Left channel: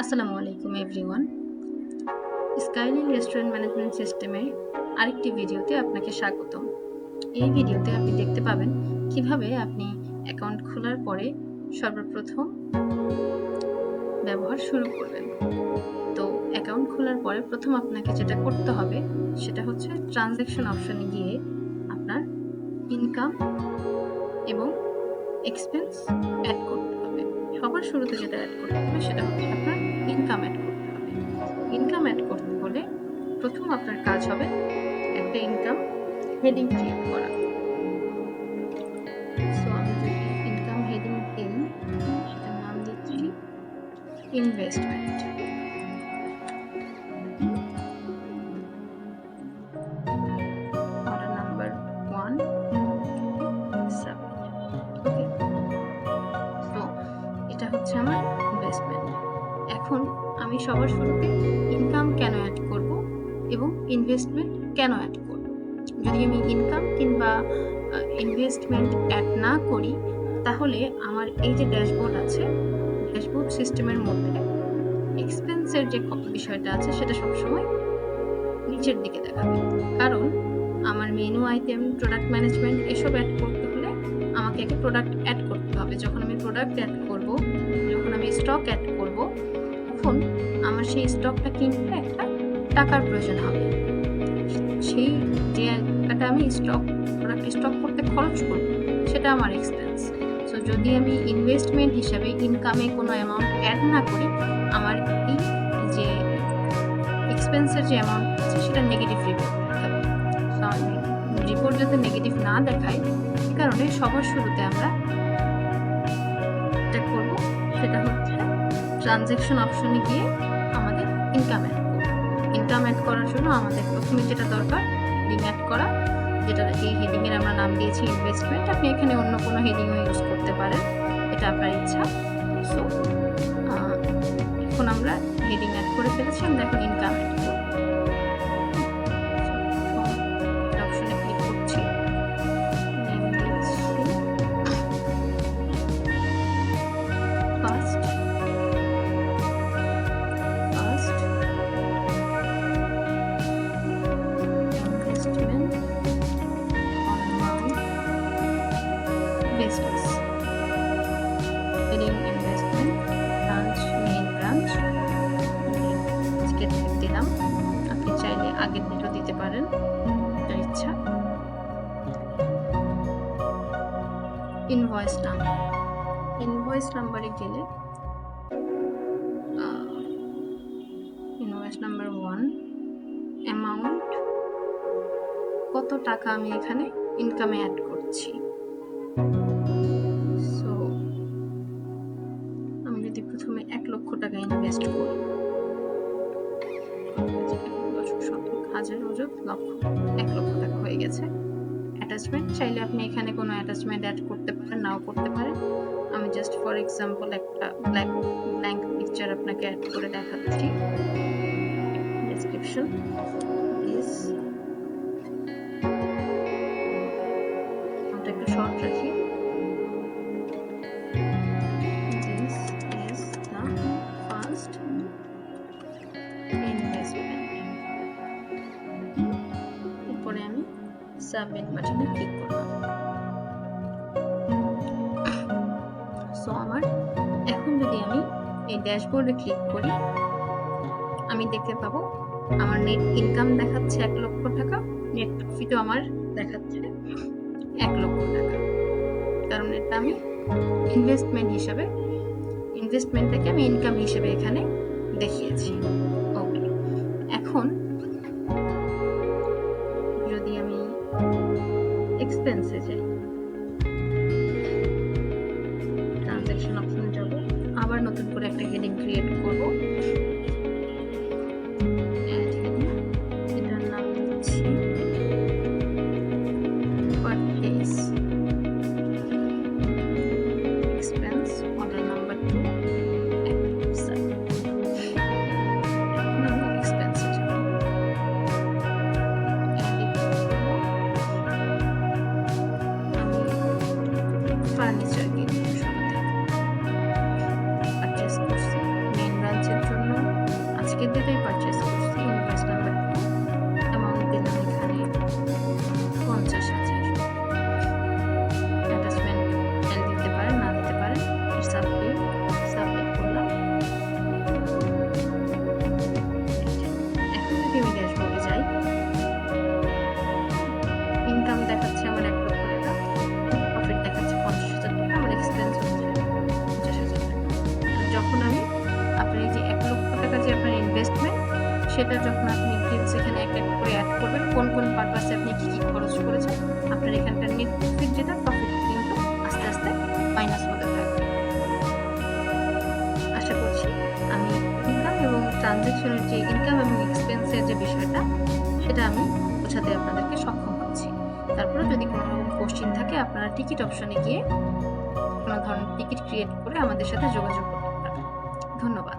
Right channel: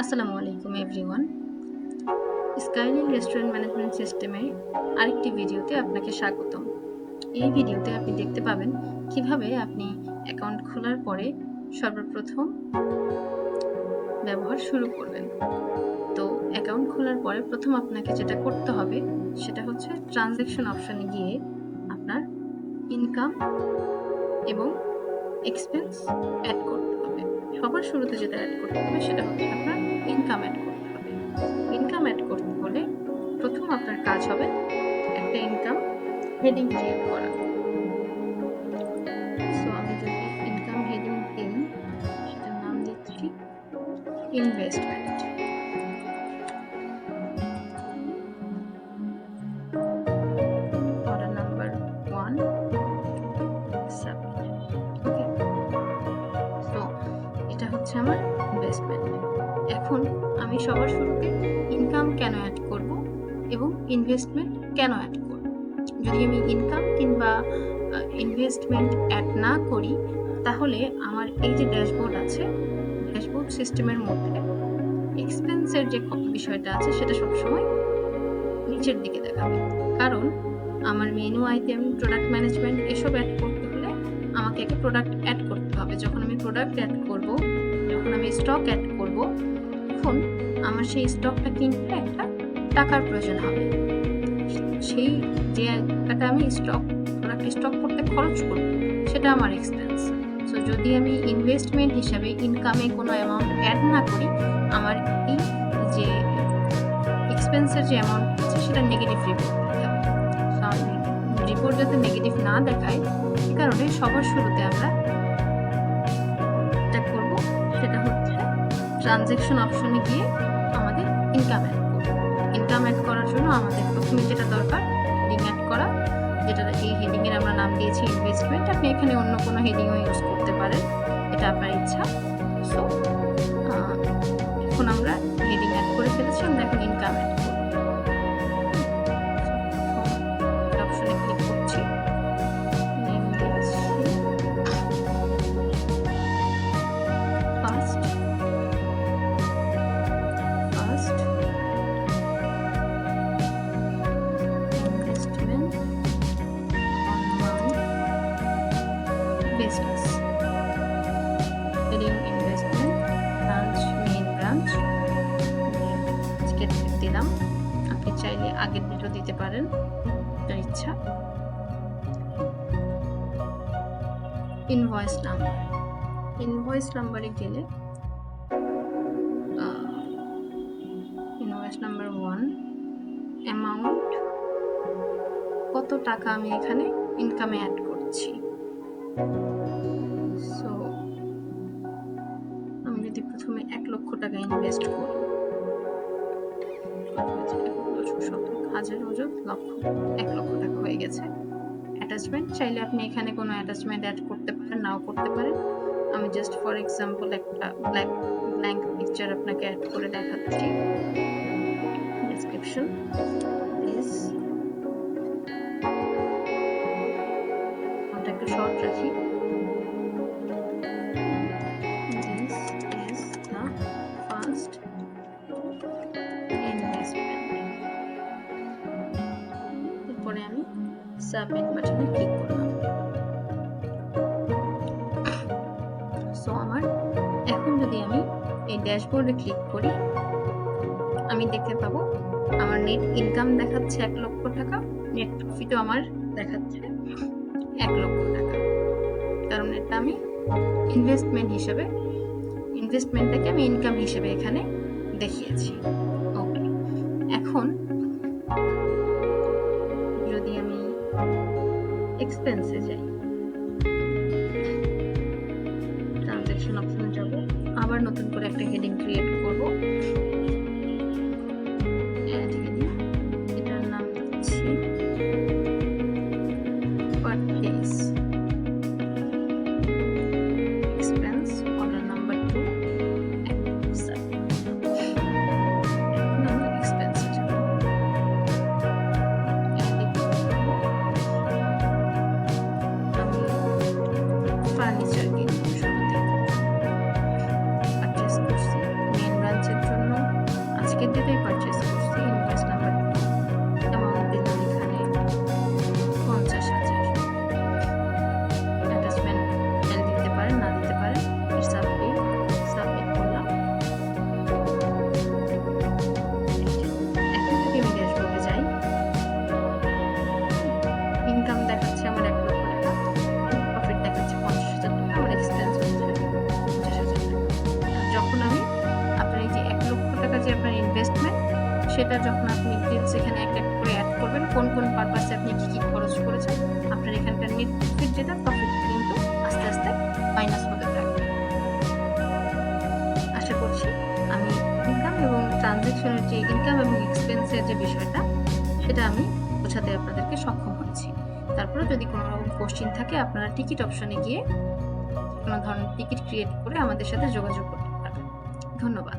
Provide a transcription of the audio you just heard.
আসসালামু আলাইকুম everyone. Skyline restaurant management সিস্টেমের আরেকটি ভিডিওতে আপনাকে স্বাগতম। এই ভিডিওতে আপনি দেখতে পাবেন কিভাবে আপনি অ্যাকাউন্ট খোলার পরে সর্বপ্রথম ব্যবহার শুরু করবেন। তো অ্যাকাউন্ট খোলার পরে প্রথম আপনাকে যেটা করতে হবে সেটা হচ্ছে ট্রানজ্যাকশন অপশনে গিয়ে আপনার ইনকাম এবং এক্সপেন্স অ্যাড করতে হবে। সবার শুরুতে যেটা অ্যাড করতে হবে সেটা হচ্ছে আপনার ইনকাম অ্যাড করতে হবে। ইনকাম অ্যাড করতে হলে প্রথম আপনার কাজ হবে একটা ইনকাম হেডিং ক্রিয়েট করা। সো আমি যদি ইনকাম হেডিং দিই, সেটার নাম দিচ্ছি investment. Order number 1 submit. Okay, so এটা হচ্ছে আমার ইনভেস্টমেন্ট। এখন আমি সবার শুরুতে ইনকাম কেন অ্যাড করব এবং ইনভেস্টমেন্ট কেন অ্যাড করব। যদি আমি ইনকাম কিংবা ইনভেস্টমেন্ট অ্যাড না করি তাহলে আমার এই যে ড্যাশবোর্ড আছে, ড্যাশবোর্ড সিস্টেমের মধ্যে এক্সপেন্সের যে বিষয়টা আছে সেটা সবসময় নিচের দিকে দেখাবে। কারণ আমার মেনু আইটেম, প্রোডাক্ট ম্যানেজমেন্ট এসব অ্যাড করতে হলে আমাকে একটা প্রোডাক্ট অ্যাড করতে হবে। যখন আমি প্রোডাক্ট অ্যাড করব, যখন আমি স্টক অ্যাড করব, তখন আমার সেই স্টকটা কিনতে একটা টাকার প্রয়োজন হবে। সেই যে টাকা আমি প্রোডাক্ট স্টক করতে খরচ করব সেটা আমার এক্সপেন্স। সো যদি আমি ইনভেস্টমেন্ট হিসাবে ইনকামে কোনো অ্যামাউন্ট অ্যাড না করি, আমার এই যে এক্সপেন্সের যে অ্যামাউন্ট আছে সেটা নেগেটিভ রিপোর্ট দেখাবে। রিপোর্ট যাতে নেগেটিভ না দেখায় সে কারণে সবার শুরুতে আমরা যেটা করব সেটা হচ্ছে ট্রানজ্যাকশন অপশনে গিয়ে আমাদের ইনকাম অ্যাড করব। ইনকাম অ্যাড করার জন্য আমাদের প্রথমে যেটা দরকার হেডিং অ্যাড করা, যেটা এই হেডিংয়ের আমরা নাম দিয়েছি ইনভেস্টমেন্ট। আপনি এখানে অন্য কোনো হেডিংও ইউজ করতে পারেন, এটা আপনার ইচ্ছা। সো এখন আমরা হেডিং অ্যাড করে ফেলেছি, আমরা এখন ইনকাম অ্যাড করব। অপশনে ক্লিক করছি, নেম দিচ্ছি first investment on my business. Heading investment, branch main branch দিলাম। আপনি চাইলে আগের ডেটও দিতে পারেন, আপনার ইচ্ছা। ইনভয়েস নাম্বারে গেলে ইনভয়েস নাম্বার 1 অ্যামাউন্ট, কত টাকা আমি এখানে ইনকামে অ্যাড করছি। সো আমি যদি প্রথমে 1 লক্ষ টাকা ইনভেস্ট করি, 1 লক্ষ টাকা হয়ে গেছে। অ্যাটাচমেন্ট চাইলে আপনি এখানে কোনো অ্যাটাচমেন্ট অ্যাড করতে পারেন, নাও করতে পারেন। আমি জাস্ট ফর এক্সাম্পল একটা ব্ল্যাঙ্ক পিকচার আপনাকে অ্যাড করে দেখাচ্ছি। ডেসক্রিপশন দিস, আমরা একটু শর্ট রাখি। This is the first investment. এরপরে আমি সাবমিট বাটনে ক্লিক করলাম। সো আমার এখন যদি আমি এই ড্যাশবোর্ডে ক্লিক করি, আমি দেখতে পাবো আমার নেট ইনকাম দেখাচ্ছে 1 লক্ষ টাকা, নেট প্রফিটও আমার দেখাচ্ছে 1 লক্ষ টাকা। কারণ এটা আমি ইনভেস্টমেন্টটাকে আমি ইনকাম হিসেবে এখানে দেখিয়েছি। ওকে, এখন যদি আমি এক্সপেন্সে যাই, ট্রানজ্যাকশন অপশনে যাব, আবার নতুন করে একটা হেডিং ক্রিয়েট করব। অ্যাড হেডিং, এটার নাম দিচ্ছি purchase expense, order number 2 submit. এখন আমি এক্সপেন্সে যাব, আমি ফার্নিচার কিনবো, শুরুতে পারচেজ করছি মেইন ব্রাঞ্চের জন্য টিকিট দিতেই পারচেস করছি। ইনভয়েস নাম্বার দিয়ে অ্যামাউন্ট দিলাম এখানে 50,000। অ্যাটাচমেন্ট এল দিতে পারেন, না দিতে পারেন। সাবমিট করলাম। এখন যদি আমি ড্যাশবোর্ডে যাই, ইনকাম দেখাচ্ছে আমার 1 লক্ষ টাকা, প্রফিট দেখাচ্ছে 50,000 টাকা, আমার এক্সপেন্স হচ্ছে 50,000 টাকা। যখন আমি আপনার এই যে 1 লক্ষ টাকা যে আপনার ইনভেস্টমেন্ট, সেটা যখন আপনি ডিটেইলস এখানে এক এক করে অ্যাড করবেন, কোন কোন পারপাসে আপনি কি কি খরচ করেছেন, আপনার এখানকার নেট প্রফিট যেটা, প্রফিট কিন্তু আস্তে আস্তে মাইনাস হতে থাকবে। আশা করছি আমি ইনকাম এবং ট্রানজ্যাকশনের যে ইনকাম এবং এক্সপেন্সের যে বিষয়টা, সেটা আমি বোঝাতে আপনাদেরকে সক্ষম হয়েছি। তারপরে যদি কোনো রকম কোশ্চেন থাকে, আপনারা টিকিট অপশনে গিয়ে কোনো ধরনের টিকিট ক্রিয়েট করে আমাদের সাথে যোগাযোগ করতে পারেন। ধন্যবাদ।